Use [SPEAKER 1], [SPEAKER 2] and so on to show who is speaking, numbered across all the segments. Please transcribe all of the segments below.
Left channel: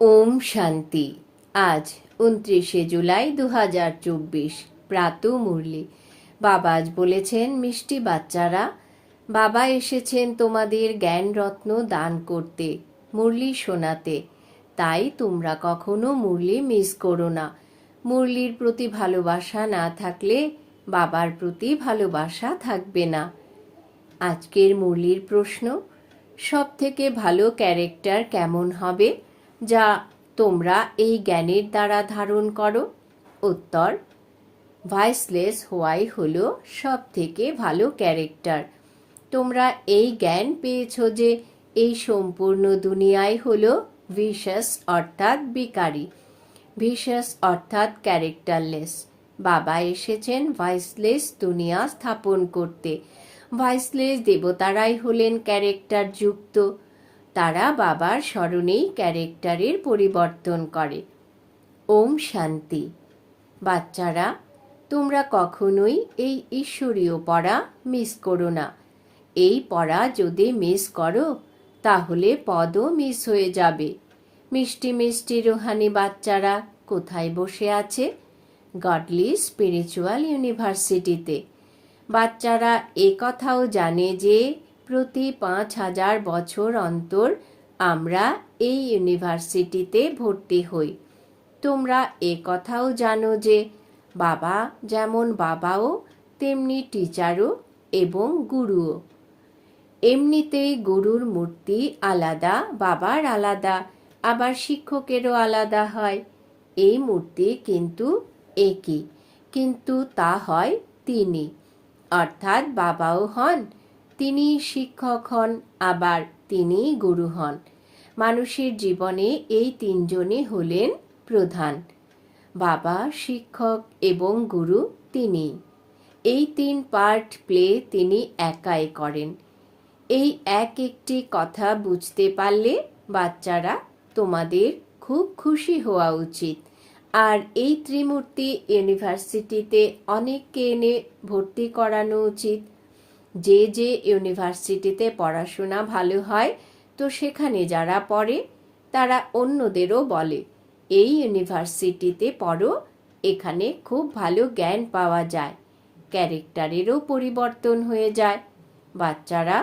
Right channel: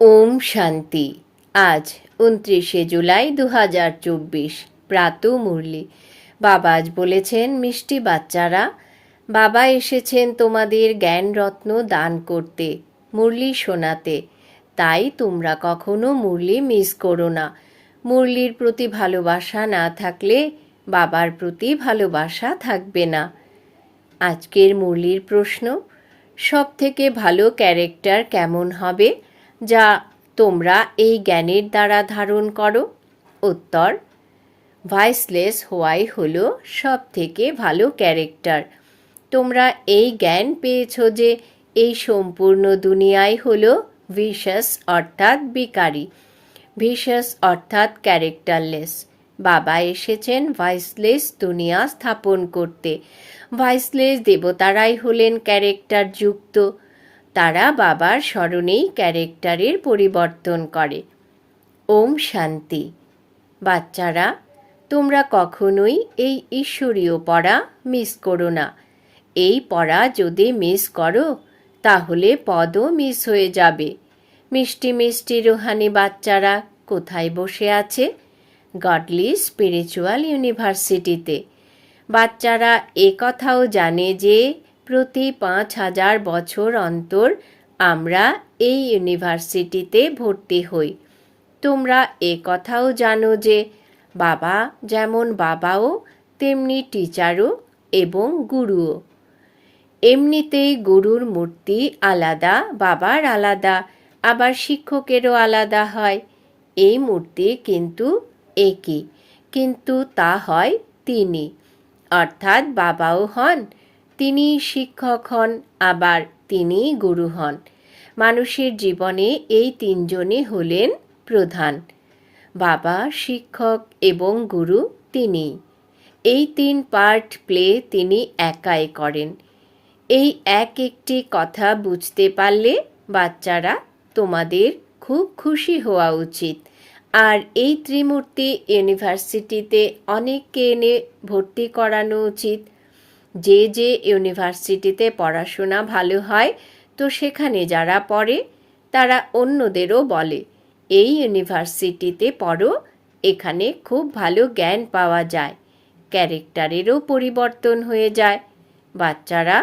[SPEAKER 1] ওম শান্তি। আজ উনত্রিশে জুলাই দু হাজার চব্বিশ, প্রাত মুরলি। বাবা আজ বলেছেন, মিষ্টি বাচ্চারা, বাবা এসেছেন তোমাদের জ্ঞান রত্ন দান করতে, মুরলি শোনাতে। তাই তোমরা কখনো মুরলি মিস করো না। মুরলির প্রতি ভালোবাসা না থাকলে বাবার প্রতি ভালোবাসা থাকবে না। আজকের মুরলির প্রশ্ন সব থেকে ভালো ক্যারেক্টার কেমন হবে? যা তোমরা এই জ্ঞানের দ্বারা ধারণ করো। উত্তর ভয়েসলেস হওয়াই হলো সব থেকে ভালো ক্যারেক্টার। তোমরা এই জ্ঞান পেয়েছ যে এই সম্পূর্ণ দুনিয়ায় হলো ভিশাস অর্থাৎ বিকারী ভিশাস অর্থাৎ ক্যারেক্টারলেস। বাবা এসেছেন ভয়েসলেস দুনিয়া স্থাপন করতে। ভয়েসলেস দেবতারাই হলেন ক্যারেক্টার যুক্ত তারা বাবার স্মরণেই ক্যারেক্টারের পরিবর্তন করে। ওম শান্তি। বাচ্চারা, তোমরা কখনোই এই ঈশ্বরীয় পড়া মিস করো না। এই পড়া যদি মিস করো, তাহলে পদও মিস হয়ে যাবে। মিষ্টি মিষ্টি রুহানি বাচ্চারা কোথায় বসে আছে? গডলি স্পিরিচুয়াল ইউনিভার্সিটিতে। বাচ্চারা এ কথাও জানে যে প্রতি পাঁচ হাজার বছর অন্তর আমরা এই ইউনিভার্সিটিতে ভর্তি হই। তোমরা এ কথাও জানো যে বাবা যেমন বাবাও, তেমনি টিচারও এবং গুরুও। এমনিতেই গুরুর মূর্তি আলাদা, বাবার আলাদা, আবার শিক্ষকেরও আলাদা হয়। এই মূর্তি কিন্তু একই, কিন্তু তা হয় তিনি। অর্থাৎ বাবাও হন তিনি শিক্ষক হন, আবার তিনি গুরু হন। মানুষের জীবনে এই তিনজনই হলেন প্রধান। বাবা শিক্ষক এবং গুরু তিনি এই তিন পার্ট প্লে তিনি একাই করেন। এই এক একটি কথা বুঝতে পারলে বাচ্চারা তোমাদের খুব খুশি হওয়া উচিত। আর এই ত্রিমূর্তি ইউনিভার্সিটিতে অনেককে এনে ভর্তি করানো উচিত। যে যে ইউনিভার্সিটিতে পড়াশোনা ভালো হয়, তো সেখানে যারা পড়ে, তারা অন্যদেরও বলে, এই ইউনিভার্সিটিতে পড়ো, এখানে খুব ভালো জ্ঞান পাওয়া যায়, ক্যারেক্টারেরও পরিবর্তন হয়ে যায়, বাচ্চারা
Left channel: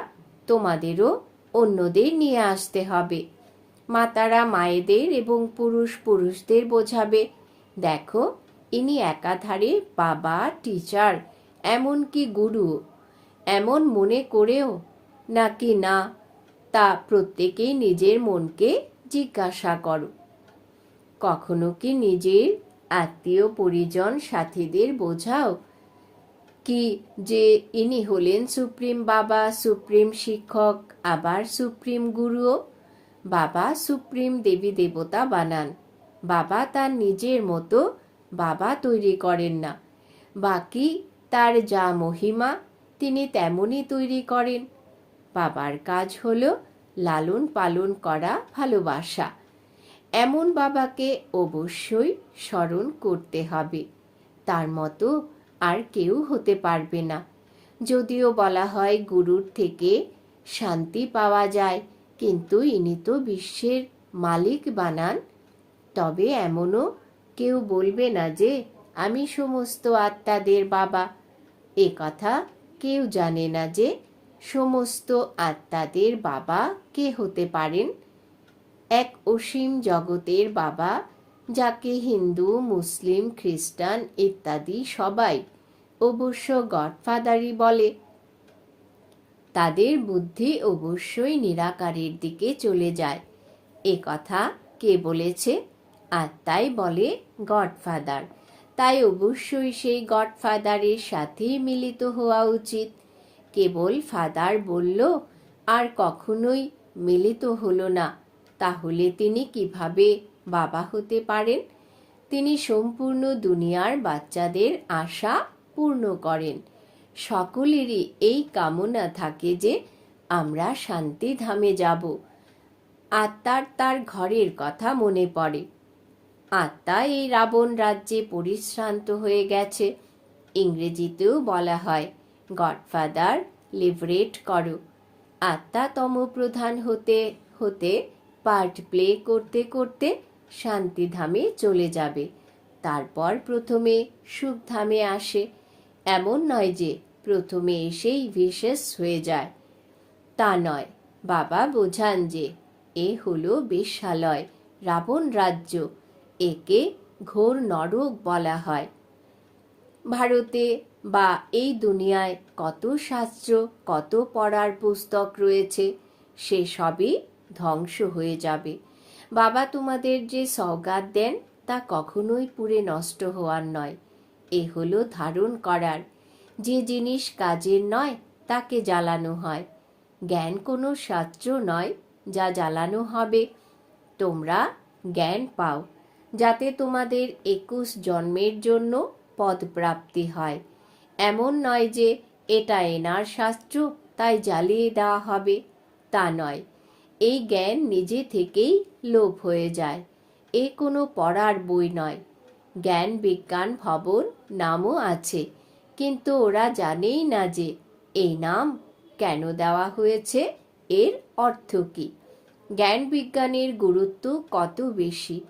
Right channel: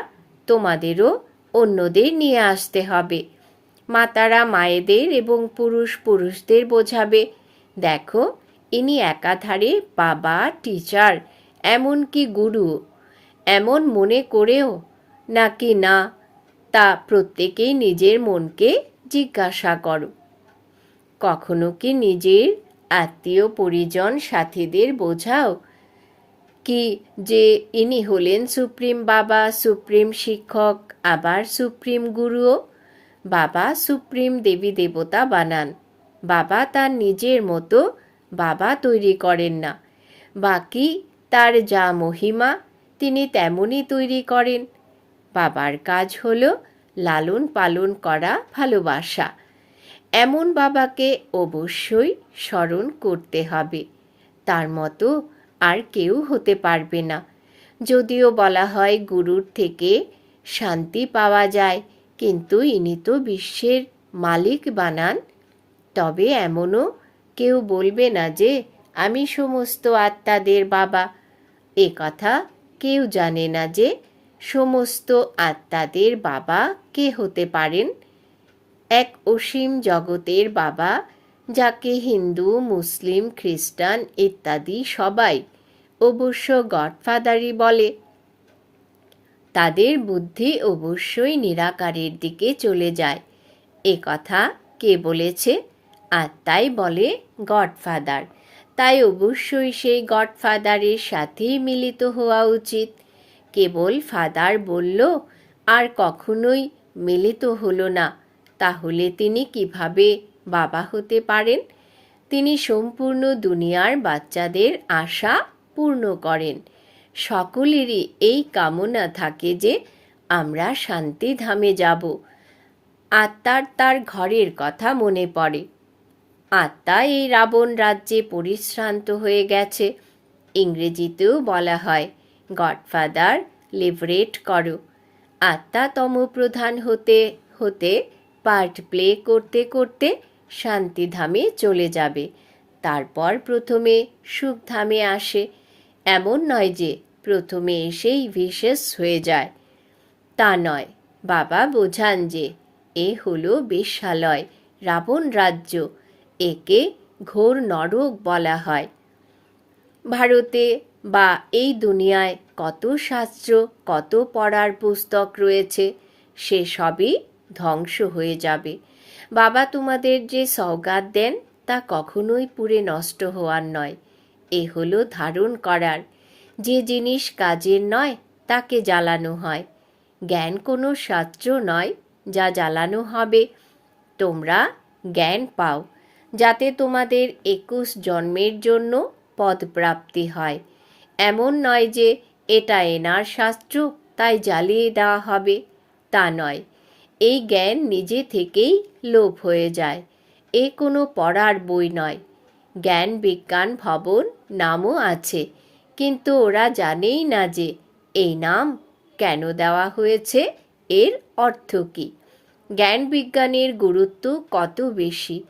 [SPEAKER 1] তোমাদেরও অন্যদের নিয়ে আসতে হবে, মাতারা মায়েদের এবং পুরুষ পুরুষদের বোঝাবে, দেখো, ইনি একাধারে বাবা, টিচার, এমনকি গুরু এমন মনে করেও? নাকি না, তা প্রত্যেকেই নিজের মনকে জিজ্ঞাসা করো। কখনো কি নিজের আত্মীয় পরিজন সাথীদের বোঝাও? কি যে ইনি হলেন সুপ্রিম বাবা, সুপ্রিম শিক্ষক, আবার সুপ্রিম গুরুও? বাবা সুপ্রিম দেবী দেবতা বানান। বাবা তার নিজের মতো বাবা তৈরি করেন না। বাকি তার যা মহিমা তিনি তেমনই তৈরি করেন। বাবার কাজ হল লালন পালন করা ভালোবাসা। এমন বাবাকে অবশ্যই স্মরণ করতে হবে। তার মতো আর কেউ হতে পারবে না। যদিও বলা হয় গুরুর থেকে শান্তি পাওয়া যায়, কিন্তু ইনি তো বিশ্বের মালিক বানান। তবে এমনও কেউ বলবে না যে, আমি সমস্ত আত্মাদের বাবা। এ কথা কেউ জানে না যে সমস্ত আত্মাদের বাবা কে হতে পারেন। এক অসীম জগতের বাবা, যাকে হিন্দু, মুসলিম, খ্রিস্টান ইত্যাদি সবাই অবশ্য গডফাদারই বলে। তাদের বুদ্ধি অবশ্যই নিরাকারের দিকে চলে যায়। এ কথা কে বলেছে? আত্মাই বলে গডফাদার। তাই অবশ্যই সেই গডফাদারের সাথেই মিলিত হওয়া উচিত। কেবল ফাদার বলল, আর কখনোই মিলিত হলো না। তাহলে তিনি কীভাবে বাবা হতে পারেন? তিনি সম্পূর্ণ দুনিয়ার বাচ্চাদের আশা পূর্ণ করেন। সকলেরই এই কামনা থাকে যে আমরা শান্তিধামে যাব। আত্মার তার ঘরের কথা মনে পড়ে। আত্মা এই রাবণ রাজ্যে পরিশ্রান্ত হয়ে গেছে। ইংরেজিতেও বলা হয়, গডফাদার লিভারেট করো। আত্মা তম প্রধান হতে হতে, পার্ট প্লে করতে করতে শান্তিধামে চলে যাবে। তারপর প্রথমে সুখধামে আসে। এমন নয় যে প্রথমে এসেই বিশেষ হয়ে যায়। তা নয়, বাবা বোঝান যে এ হলো বেশ্যালয়, রাবণ রাজ্য। একে ঘোর নরক বলা হয়। ভারতে বা এই দুনিয়ায় কত শাস্ত্র, কত পড়ার পুস্তক রয়েছে, সে সবই ধ্বংস হয়ে যাবে। বাবা তোমাদের যে সওগাত দেন, তা কখনোই পুরে নষ্ট হওয়ার নয়। এ হলো ধারণ করার। যে জিনিস কাজের নয়, তাকে জ্বালানো হয়। জ্ঞান কোনো শাস্ত্র নয় যা জ্বালানো হবে। তোমরা জ্ঞান পাও। যাতে তোমাদের একুশ জন্মের জন্য পদপ্রাপ্তি হয়। এমন নয় যে এটা এনার শাস্ত্র, তাই জ্বালিয়ে দেওয়া হবে। তা নয়। এই জ্ঞান নিজে থেকেই লোপ হয়ে যায়। এ কোনো পড়ার বই নয়। জ্ঞান বিজ্ঞান ভবন নামও আছে। কিন্তু ওরা জানেই না যে এই নাম কেন দেওয়া হয়েছে, এর অর্থ কী? জ্ঞান বিজ্ঞানের গুরুত্ব কত বেশি?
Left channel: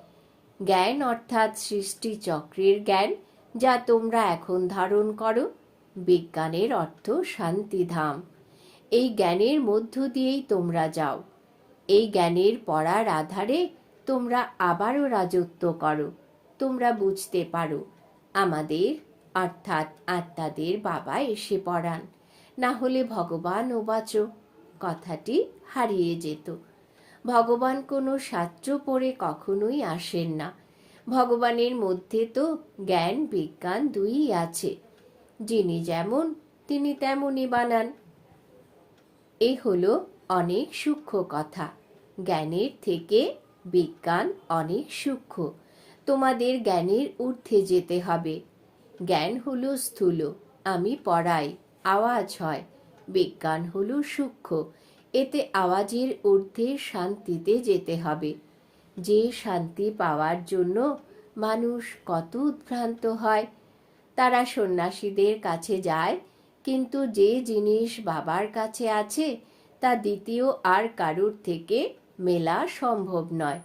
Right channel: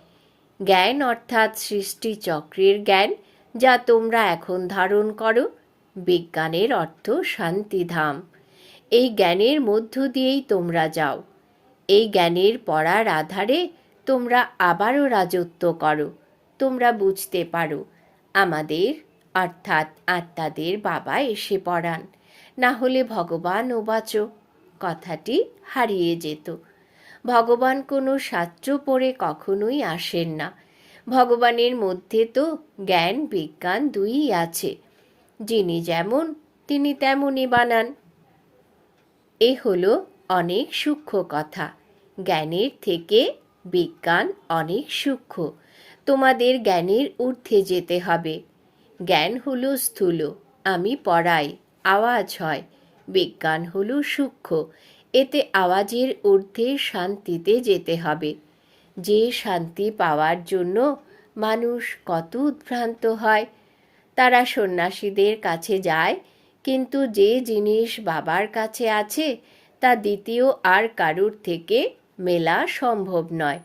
[SPEAKER 1] জ্ঞান অর্থাৎ সৃষ্টি চক্রের জ্ঞান, যা তোমরা এখন ধারণ করো, বিজ্ঞানের অর্থ শান্তিধাম। এই জ্ঞানের মধ্য দিয়েই তোমরা যাও। এই জ্ঞানের পড়ার আধারে তোমরা আবারও রাজত্ব করো। তোমরা বুঝতে পারো, আমাদের, অর্থাৎ আত্মাদের বাবা এসে পড়ান। না হলে ভগবান ওবাচ কথাটি হারিয়ে যেত। ভগবান কোনো শাস্ত্র পড়ে কখনোই আসেন না। ভগবানের মধ্যে তো জ্ঞান, বিজ্ঞান দুইই আছে। যিনি যেমন, তিনি তেমনই বানান। এ হলো অনেক সূক্ষ্ম কথা। জ্ঞানের থেকে বিজ্ঞান অনেক সূক্ষ্ম। তোমাদের জ্ঞানের ঊর্ধ্বে যেতে হবে। জ্ঞান হলো স্থূল। আমি পড়াই, আওয়াজ হয়। বিজ্ঞান হলো সূক্ষ্ম। এতে আওয়াজের ঊর্ধ্বে শান্তিতে যেতে হবে। যে শান্তি পাওয়ার জন্য মানুষ কত উদ্ভ্রান্ত হয়, তারা সন্ন্যাসীদের কাছে যায়, কিন্তু যে জিনিস বাবার কাছে আছে, তা দ্বিতীয় আর কারুর থেকে মেলা সম্ভব নয়।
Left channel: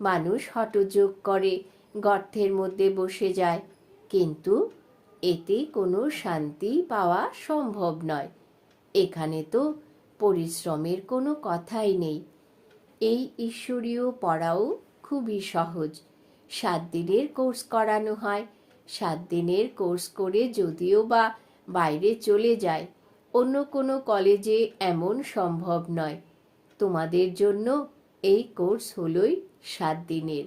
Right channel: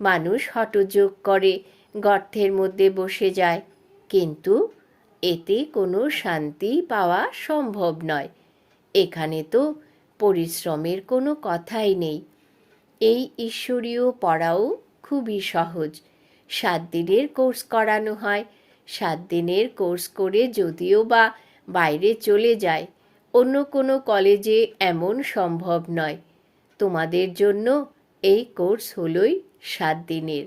[SPEAKER 1] মানুষ হটযোগ করে, গর্তের মধ্যে বসে যায়, কিন্তু এতে কোনো শান্তি পাওয়া সম্ভব নয়। এখানে তো পরিশ্রমের কোনো কথাই নেই। এই ঈশ্বরীয় পড়াও খুবই সহজ। সাত দিনের কোর্স করানো হয়। সাত দিনের কোর্স করে যদিও বা বাইরে চলে যায়, অন্য কোনো কলেজে এমন সম্ভব নয়। তোমাদের জন্য এই কোর্স হলোই সাত দিনের।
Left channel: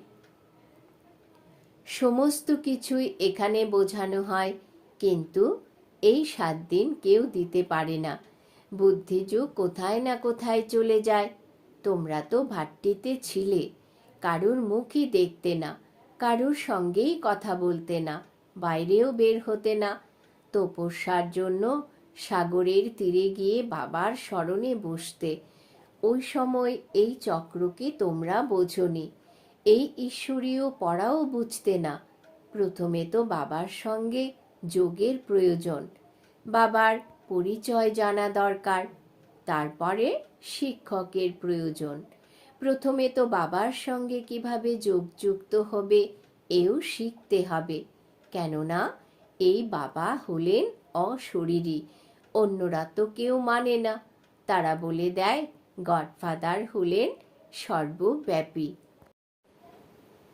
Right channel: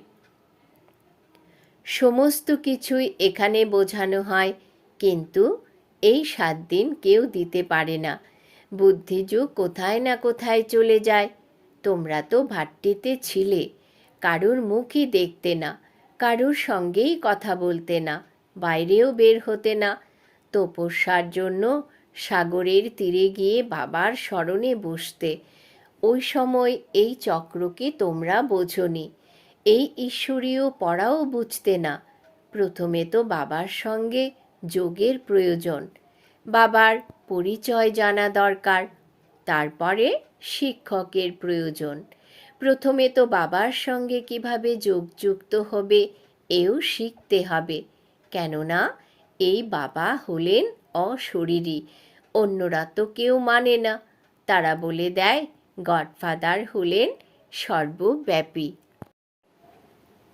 [SPEAKER 1] সমস্ত কিছুই এখানে বোঝানো হয়, কিন্তু এই সাত দিন কেউ দিতে পারে না। বুদ্ধিযুগ কোথায় না কোথায় চলে যায়। তোমরা তো ভাট্টিতে ছিলে, কারুর মুখই দেখতে না, কারুর সঙ্গেই কথা বলতে না, বাইরেও বের হতে না। তপস্যার জন্য সাগরের তীরে গিয়ে বাবার স্মরণে বসতে, ওই সময় এই চক্রকে তোমরা বোঝনি, এই ঈশ্বরীয় পড়াও বুঝতে না। প্রথমে তো বাবার সঙ্গে যোগের প্রয়োজন বাবার পরিচয় জানা দরকার, তারপরে শিক্ষকের প্রয়োজন। প্রথমে তো বাবার সঙ্গে কীভাবে যোগযুক্ত হবে, এও শিখতে হবে। কেননা, এই বাবা হলেন অশরীরী, অন্যরা তো কেউ মানে না। তারা বলে দেয়, গডফাদার হলেন সর্বব্যাপী।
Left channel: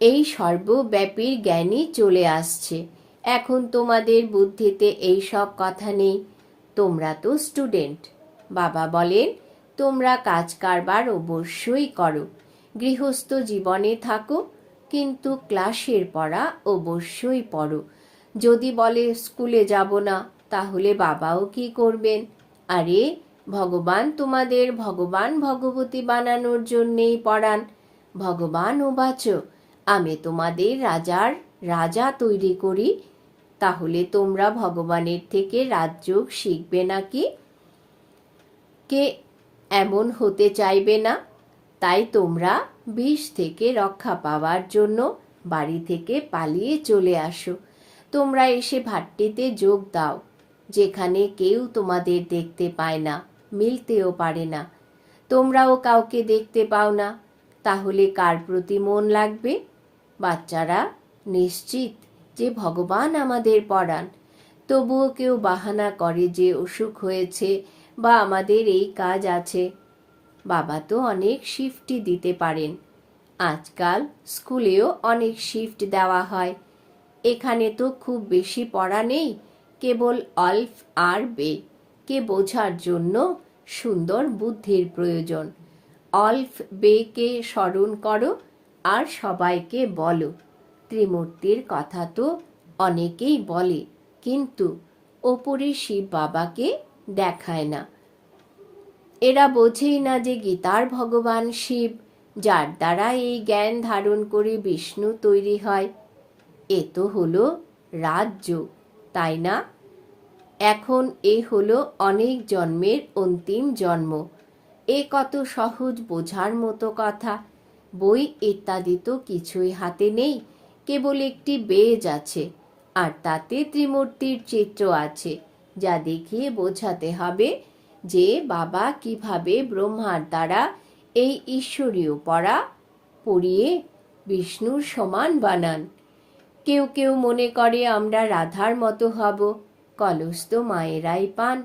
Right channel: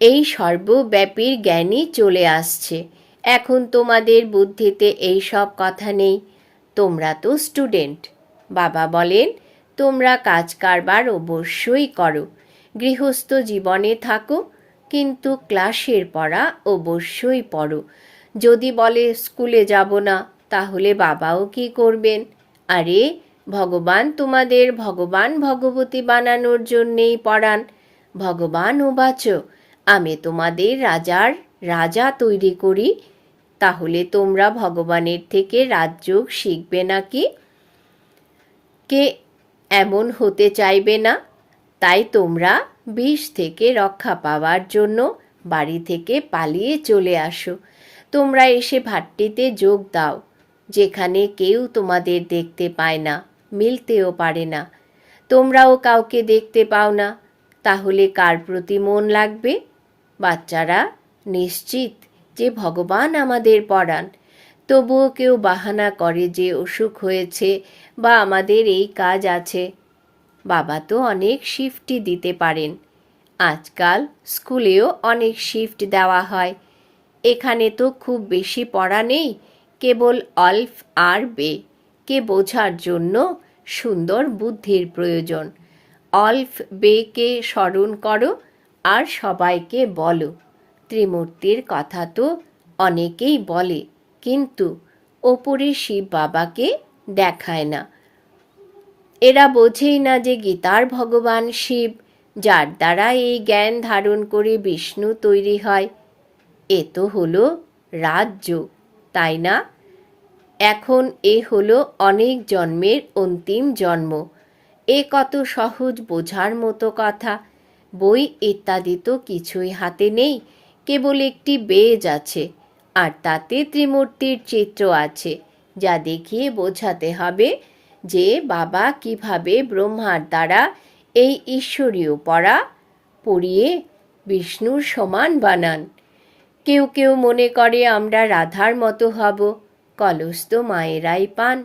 [SPEAKER 1] এই সর্বব্যাপীর জ্ঞানই চলে আসছে। এখন তোমাদের বুদ্ধিতে এই সব কথা নেই। তোমরা তো স্টুডেন্ট। বাবা বলেন, তোমরা কাজ কারবার অবশ্যই করো। গৃহস্থ জীবনে থাকো, কিন্তু ক্লাসের পড়া অবশ্যই পড়ো। যদি বলে স্কুলে যাব না, তাহলে বাবাও কি করবেন? আরে, ভগবান তোমাদের ভগবান ভগবতী বানানোর জন্যেই পড়ান। ভগবান ও বাঁচো আমি তোমাদের রাজার রাজা তৈরি করি, তাহলে তোমরা ভগবানের থেকে রাজযোগ শিখবে নাকি? কে এমন হতে চাইবে না, তাই তোমরা বিষ থেকে রক্ষা পাওয়ার জন্য বাড়ি থেকে পালিয়ে চলে আসো। তোমরা এসে ভাট্টিতে যোগ দাও, যেখানে কেউ তোমাদের দেখতে পায় না, মিলতেও পারে না। তোমরাও কাউকে দেখতে পাও না, তাহলে কার প্রতি মন লাগবে? বাচ্চারা নিশ্চিত যে ভগবান আমাদের পড়ান তবুও কেউ বাহানা করে যে অসুখ হয়েছে বা আমাদের এই কাজ আছে। বাবা তো অনেক শিফটই দিতে পারেন। আজকাল স্কুলেও অনেক শিফট দেওয়া হয়। এখানে তো খুব বেশি পড়া নেই, কেবল অল্ফ আর বে। কে বোঝার জন্য সুন্দর বুদ্ধির প্রয়োজন। অল্ফ বেকে স্মরণ করো আর সবাইকে বলো। ত্রিমূর্তির কথা তো অনেকেই বলে, কিন্তু ওপরে শিব বাবাকে দেখায় না। এরা বোঝেই না যে গীতার ভগবান শিব, যার দ্বারা এই জ্ঞান ধারণ করে বিষ্ণু তৈরি হয়। এ তো হলো রাজ্য, তাই না? এখন এ হলো অনেক জন্মের অন্তিম জন্ম। এ কত সহজ বোঝার মতো কথা। বই ইত্যাদি তো কিছুই হাতে নেই, কেবল একটি বেজ আছে, আর তাতে ত্রিমূর্তির চিত্র আছে, যা দেখিয়ে বোঝাতে হবে যে বাবা কীভাবে ব্রহ্মার দ্বারা এই ঈশ্বরীয় পড়া পড়িয়ে বিষ্ণুর সমান বানান। কেউ কেউ মনে করে আমরা রাধার মতো হব কলস তো মায়েরাই পান।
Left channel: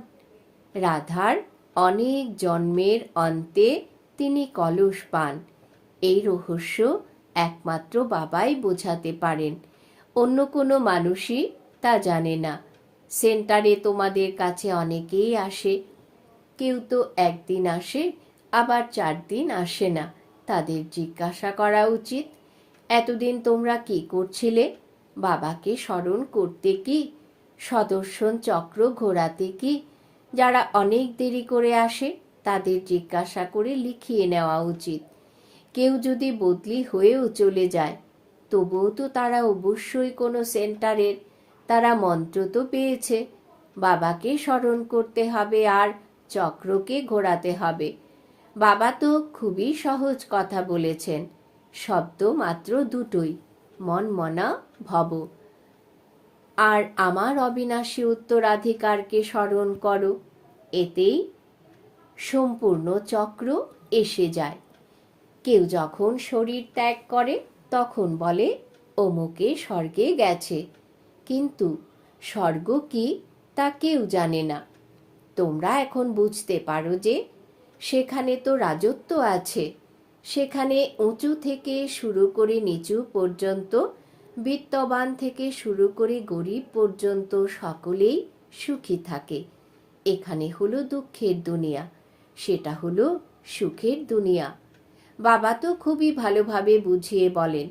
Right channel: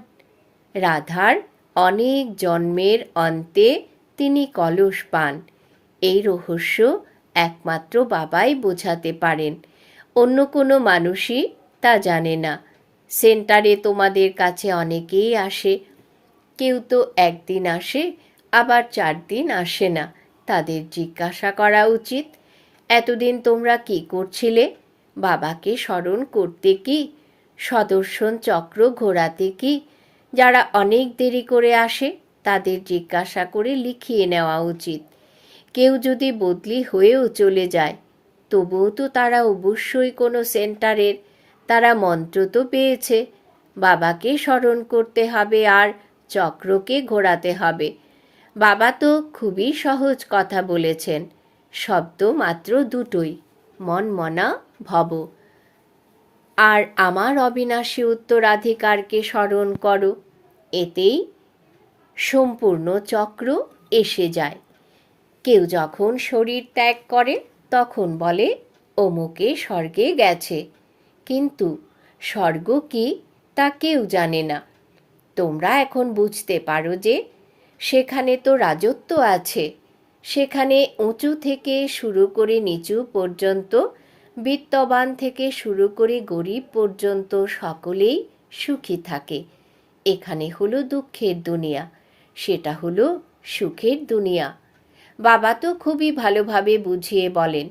[SPEAKER 1] রাধার অনেক জন্মের অন্তে তিনি কলস পান। এই রহস্য একমাত্র বাবাই বোঝাতে পারেন। অন্য কোনো মানুষই তা জানে না। সেন্টারে তোমাদের কাছে অনেকেই আসে। কেউ তো একদিন আসে, আবার চার দিন আসে না। তাদের জিজ্ঞাসা করা উচিত, এতদিন তোমরা কি করছিলে? বাবাকে স্মরণ করতে কি? সদর্শন চক্র ঘোরাতে কি? যারা অনেক দেরি করে আসে, তাদের জিজ্ঞাসা করে লিখিয়ে নেওয়া উচিত। কেউ যদি বদলি হয়েও চলে যায়, তবুও তো তারা অবশ্যই কোনো সেন্টারের, তারা মন্ত্র তো পেয়েছে, বাবাকে স্মরণ করতে হবে আর চক্রকে ঘোরাতে হবে। বাবা তো খুবই সহজ কথা বলেছেন, শব্দ মাত্র দুটোই, মন মনা ভব। আর আমার অবিনাশী উত্তরাধিকারকে স্মরণ করো, এতেই সম্পূর্ণ চক্র এসে যায়। কেউ যখন শরীর ত্যাগ করে, তখন বলে, অমুকে স্বর্গে গেছে। কিন্তু স্বর্গ কি তা কেউ জানে না। তোমরা এখন বুঝতে পারো যে সেখানে তো রাজত্ব আছে। সেখানে উঁচু থেকে শুরু করে নিচু পর্যন্ত, বিত্তবান থেকে শুরু করে গরিব পর্যন্ত সকলেই সুখী থাকে। এখানে হলো দুঃখের দুনিয়া, সেটা হলো সুখের দুনিয়া। বাবা তো খুবই ভালোভাবে বুঝিয়ে বলেন,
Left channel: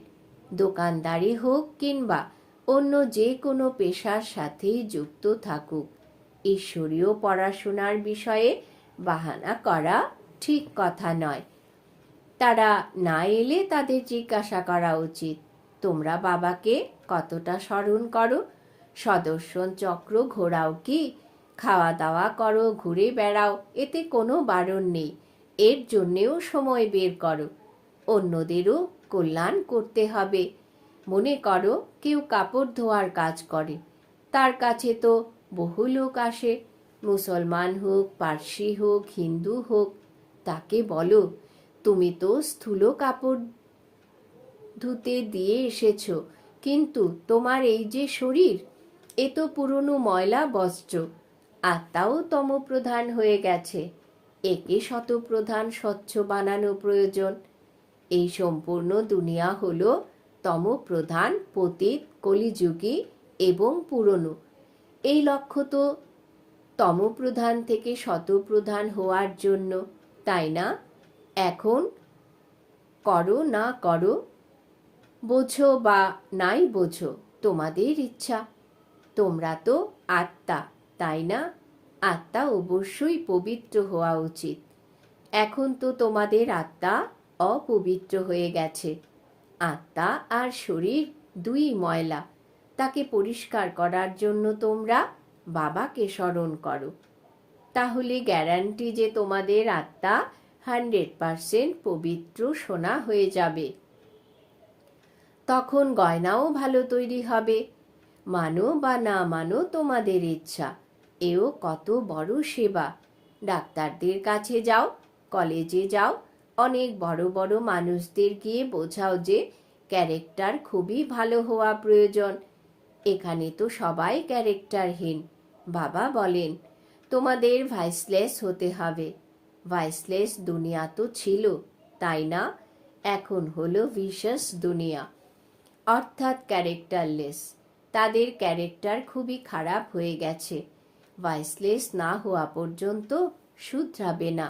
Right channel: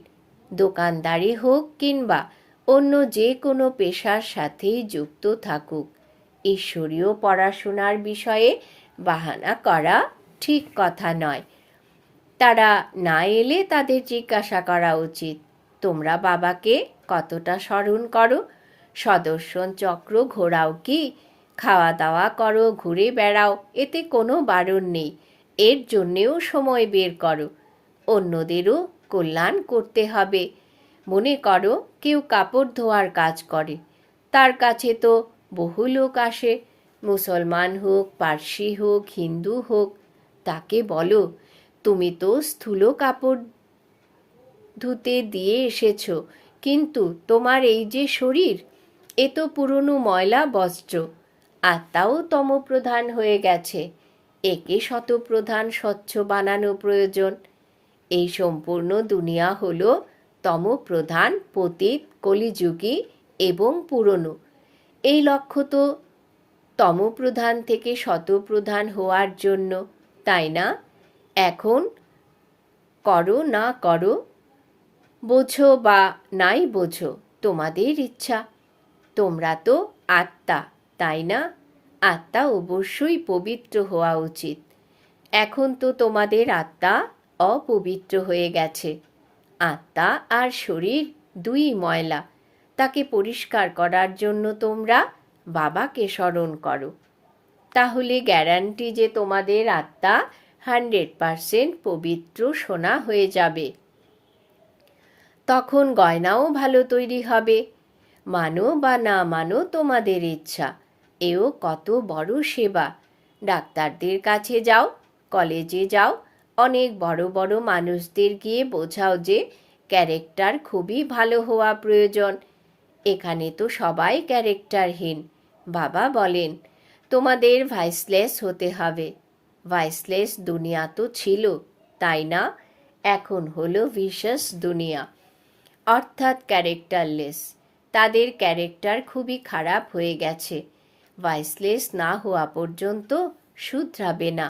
[SPEAKER 1] দোকানদারি হোক কিংবা অন্য যে কোনো পেশার সাথেই যুক্ত থাকুক, ঈশ্বরীয় পড়াশোনার বিষয়ে বাহানা করা ঠিক কথা নয়। তারা না এলে তাদের জিজ্ঞাসা করা উচিত, তোমরা বাবাকে কতটা স্মরণ করো? সদর্শন চক্র ঘোরাও কি? খাওয়া দাওয়া করো, ঘুরে বেড়াও, এতে কোনো বারণ নেই। এর জন্যেও সময় বের করো। অন্যদেরও কল্যাণ করতে হবে। মনে করো, কেউ কাপড় ধোয়ার কাজ করে। তার কাছে তো বহু লোক আসে। মুসলমান হোক, পার্সি হোক, হিন্দু হোক, তাকে বলো, তুমি তো স্থূল কাপড় ধুতে দিয়ে এসেছ, কিন্তু তোমার এই যে শরীর, এ তো পুরনো ময়লা বস্ত্র। আত্মাও তমপ্রধান হয়ে গেছে। একে শতপ্রধান স্বচ্ছ বানানো প্রয়োজন। এই সম্পূর্ণ দুনিয়া হল তম প্রধান পতিত কলিযুগী এবং পুরনো। এই লক্ষ্য তো তমপ্রধান থেকে শতপ্রধান হওয়ার জন্য, তাই না? এখন করো না করো, বোঝো বা নাই বোঝো তোমাদের ইচ্ছা। তোমরা তো আত্মা, তাই না? আত্মা অবশ্যই পবিত্র হওয়া উচিত। এখন তো তোমাদের আত্মা অপবিত্র হয়ে গেছে। আত্মা আর শরীর দুই ময়লা। তাকে পরিষ্কার করার জন্য তোমরা বাবাকে স্মরণ করো। তাহলে গ্যারান্টি যে তোমাদের আত্মা হান্ড্রেড পারসেন্ট পবিত্র সোনা হয়ে যাবে। তখন গয়নাও ভালো তৈরি হবে। মানো বা না মানো তোমাদের ইচ্ছা। এও কত বড় সেবা। ডাক্তারদের কাছে যাও, কলেজে যাও, অনেক বড় বড় মানুষদের গিয়ে বোঝাও যে ক্যারেক্টার খুবই ভালো হওয়া প্রয়োজন। এখানে তো সবাই ক্যারেক্টারহীন, বাবা বলেন। তোমাদের ভাইসলেস হতে হবে। ভাইসলেস দুনিয়া তো ছিল, তাই না? এখন হলো ভিশাস দুনিয়া। অর্থাৎ ক্যারেক্টারলেস। তাদের ক্যারেক্টার খুবই খারাপ হয়ে গেছে। ভাইসলেস না হওয়া পর্যন্ত শুধরাবে না।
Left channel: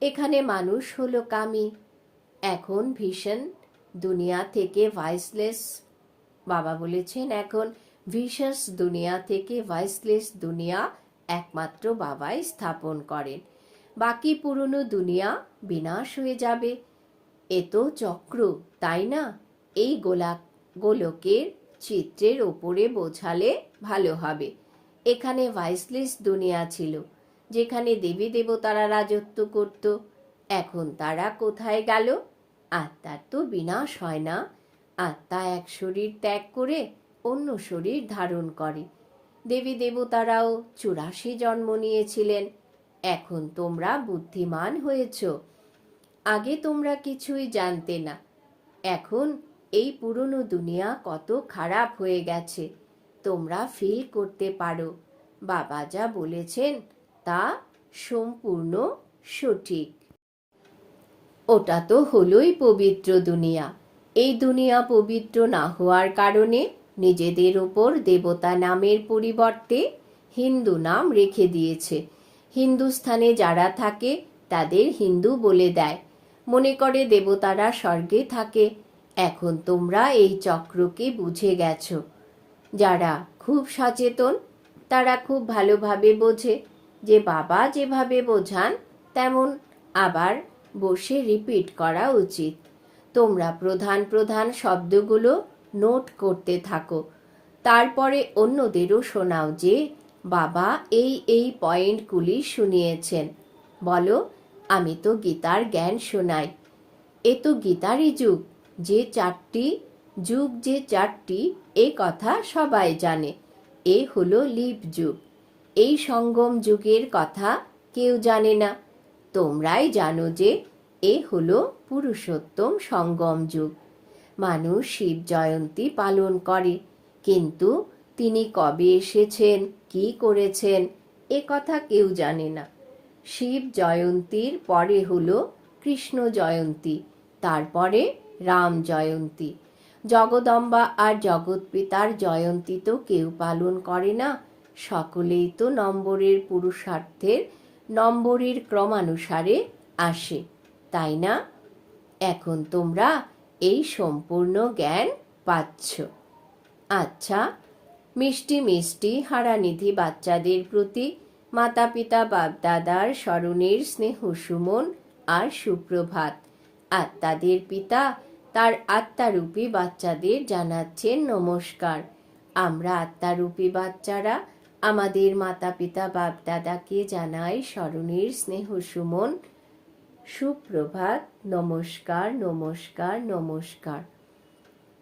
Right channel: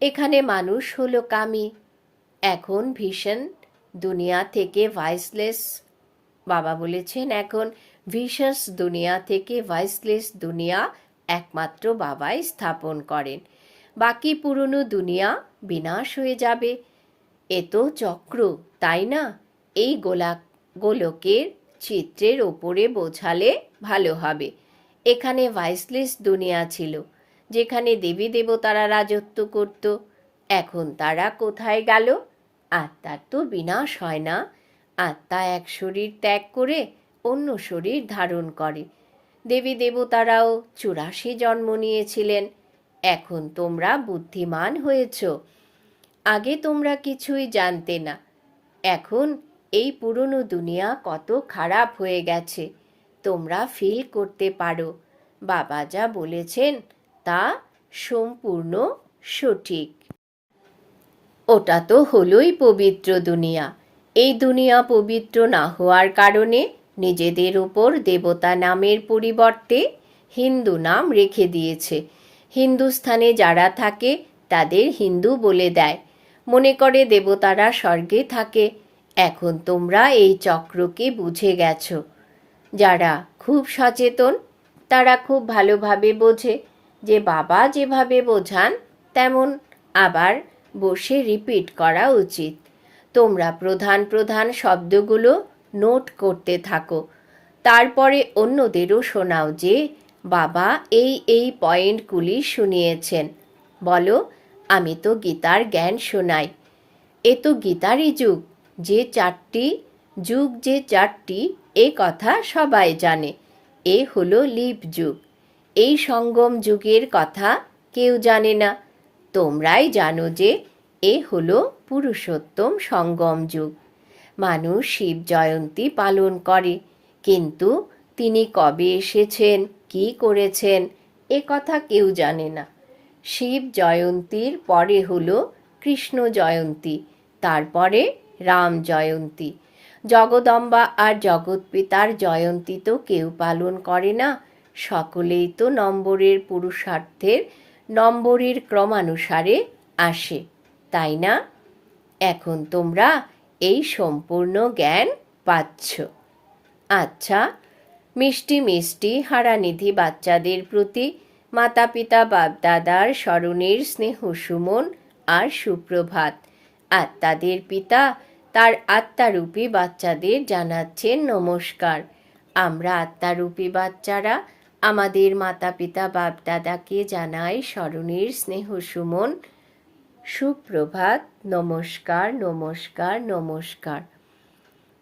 [SPEAKER 1] এখানে মানুষ হলো কামি। এখন ভীষণ দুনিয়া থেকে ভাইসলেস, বাবা বলেছেন এখন ভিশাস দুনিয়া থেকে ভাইসলেস দুনিয়া একমাত্র বাবাই স্থাপন করেন। বাকি পুরনো দুনিয়া বিনাশ হয়ে যাবে। এ তো চক্র, তাই না? এই গোলা গোলকের চিত্রের ওপরে বোঝালে ভালো হবে। এখানে ভাইসলেস দুনিয়া ছিল, যেখানে দেবী দেবতারা রাজত্ব করত। এখন তারা কোথায় গেল? আত্মার তো বিনাশ হয় না। আত্মা এক শরীর ত্যাগ করে অন্য শরীর ধারণ করে। দেবী দেবতারাও চুরাশি জন্ম নিয়েছিলেন। এখন তোমরা বুদ্ধিমান হয়েছ। আগে তোমরা কিছুই জানতে না। এখন এই পুরনো দুনিয়া কত খারাপ হয়ে গেছে। তোমরা ফিল করতে পারো। বাবা যা বলেছেন তা সম্পূর্ণ সঠিক। ওটা তো হলোই পবিত্র দুনিয়া। এই দুনিয়া পবিত্র না হওয়ার কারণে নিজেদের ওপর দেবতা নামের পরিবর্তে হিন্দু নাম রেখে দিয়েছে। হিন্দুস্থানে যারা থাকে, তাদের হিন্দু বলে দেয়। মনে করে দেবতারা স্বর্গে থাকে। এখন তোমরা এই চক্রকে বুঝে গেছো। যারা খুব সচেতন, তারা খুব ভালোভাবে বোঝে যে বাবা যেভাবে বোঝান, তেমন আবার বসে রিপিট করা উচিত। তোমরা প্রধান প্রধান শব্দগুলো নোট করতে থাকো। তারপরে অন্যদেরও শোনাও যে বাবা এই এই পয়েন্টগুলি শুনিয়েছেন। বলো, আমি তো গীতার জ্ঞান শোনাই। এ তো গীতারই যুগ। যে চারটি যুগ যে চারটি, এ কথা সবাই জানে। এ হলো লিপ যুগ। এই সঙ্গম যুগের কথা কেউ জানে না। তোমরাই জানো যে এ হলো পুরুষোত্তম সঙ্গম যুগ। মানুষ শিব জয়ন্তী পালন করে, কিন্তু তিনি কবে এসেছেন, কি করেছেন, এ কথা কেউ জানে না। শিব জয়ন্তীর পরে হলো কৃষ্ণ জয়ন্তী, তারপরে রাম জয়ন্তী। জগদম্বা আর জগৎপিতার জয়ন্তী তো কেউ পালন করে না। সকলেই তো নম্বরের পুরুষার্থের নম্বরের ক্রমানুসারে আসে, তাই না? এখন তোমরা এই সম্পূর্ণ জ্ঞান পাচ্ছ। আচ্ছা মিষ্টি মিষ্টি হারানিধি বাচ্চাদের প্রতি মাতা পিতা বাপদাদার স্মরণের স্নেহ সুমন আর সুপ্রভাত। আত্মাদের পিতা তার আত্মারূপী বাচ্চাদের জানাচ্ছেন নমস্কার। আমরা আত্মারূপী বাচ্চারা, আমাদের মাতা পিতা বাপদাদাকে জানাই স্মরণের স্নেহ সুমন। সুপ্রভাত, নমস্কার নমস্কার নমস্কার।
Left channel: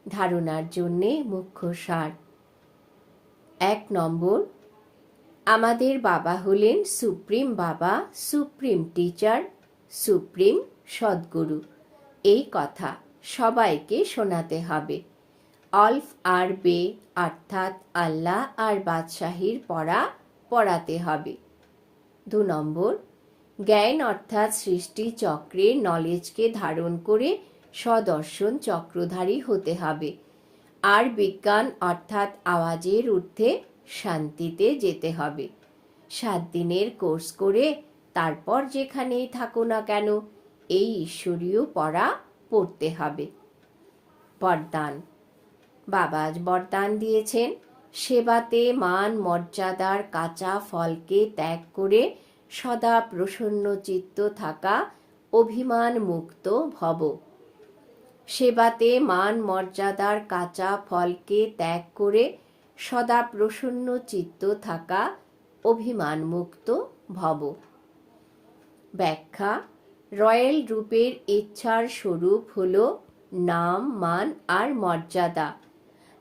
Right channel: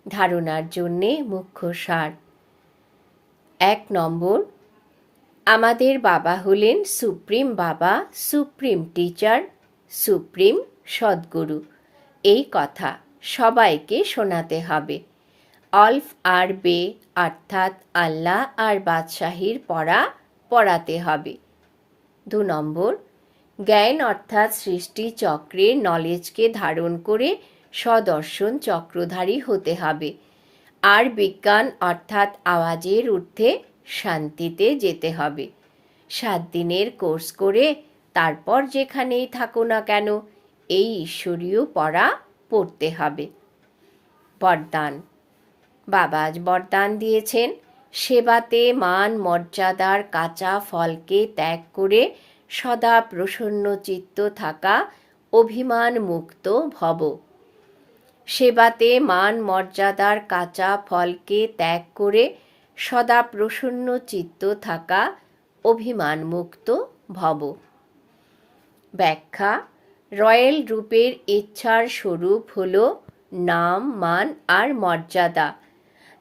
[SPEAKER 1] ধারণার জন্যে মুখ্য সার। এক নম্বর, আমাদের বাবা হলেন সুপ্রিম বাবা, সুপ্রিম টিচার, সুপ্রিম সদ্গুরু। এই কথা সবাইকে শোনাতে হবে। অলফ আর বে অর্থাৎ আল্লাহ আর বাদশাহীর পড়া পড়াতে হবে। দু নম্বর, জ্ঞান অর্থাৎ সৃষ্টি চক্রের নলেজকে ধারণ করে সদর্শন চক্রধারী হতে হবে। আর বিজ্ঞান অর্থাৎ আওয়াজের ঊর্ধ্বে শান্তিতে যেতে হবে। সাত দিনের কোর্স করে তারপর যেখানেই থাকো না কেন, এই ঈশ্বরীয় পড়া পড়তে হবে। বরদান। বাবা আজ বরদান দিয়েছেন। সেবাতে মান, মর্যাদার কাঁচা ফলকে ত্যাগ করে সদা প্রসন্ন চিত্ত থাকা অভিমান মুক্ত ভব। সেবাতে মান, মর্যাদার কাঁচা ফলকে ত্যাগ করে সদা প্রসন্ন চিত্ত থাকা অভিমান মুক্ত ভব। ব্যাখ্যা রয়্যাল রূপের ইচ্ছার স্বরূপ হল নাম, মান আর মর্যাদা।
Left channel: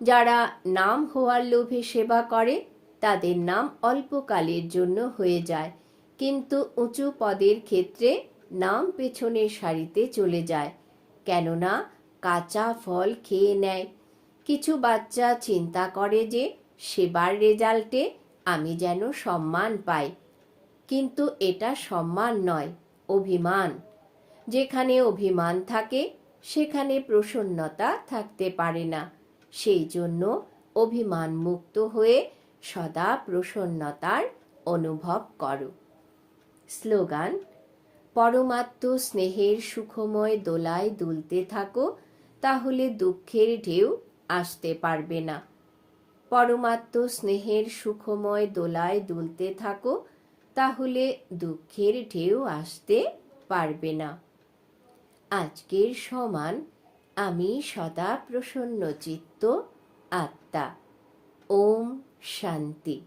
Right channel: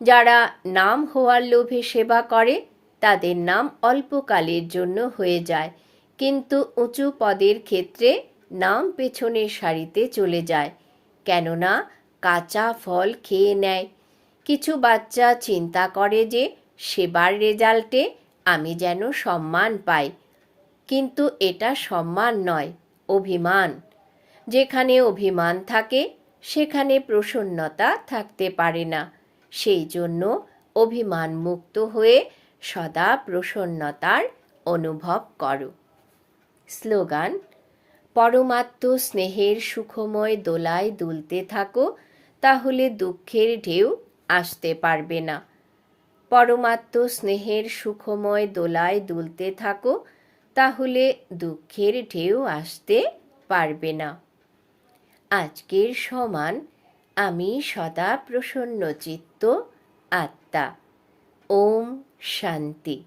[SPEAKER 1] যারা নাম হওয়ার লোভে সেবা করে, তাদের নাম অল্পকালের জন্য হয়ে যায়, কিন্তু উঁচু পদের ক্ষেত্রে নাম পেছনের সারিতে চলে যায়, কেননা কাঁচা ফল খেয়ে নেয়। কিছু বাচ্চা চিন্তা করে যে, সেবার রেজাল্টে আমি যেন সম্মান পাই, কিন্তু এটা সম্মান নয়। অভিমান। যেখানে অভিমান থাকে, সেখানে প্রসন্নতা থাকতে পারে না। সেই জন্য অভিমান মুক্ত হয়ে সদা প্রসন্নতার অনুভব করো। স্লোগান, পরমাত্ম স্নেহের সুখময় দোলায় দুলতে থাকো, তাহলে দুঃখের ঢেউ আসতে পারবে না। পরমাত্ম স্নেহের সুখময় দোলায় দুলতে থাকো তাহলে দুঃখের ঢেউ আসতে পারবে না। আজকের সমান আমি সদা প্রসন্ন চিত্ত আত্মা। ওম শান্তি।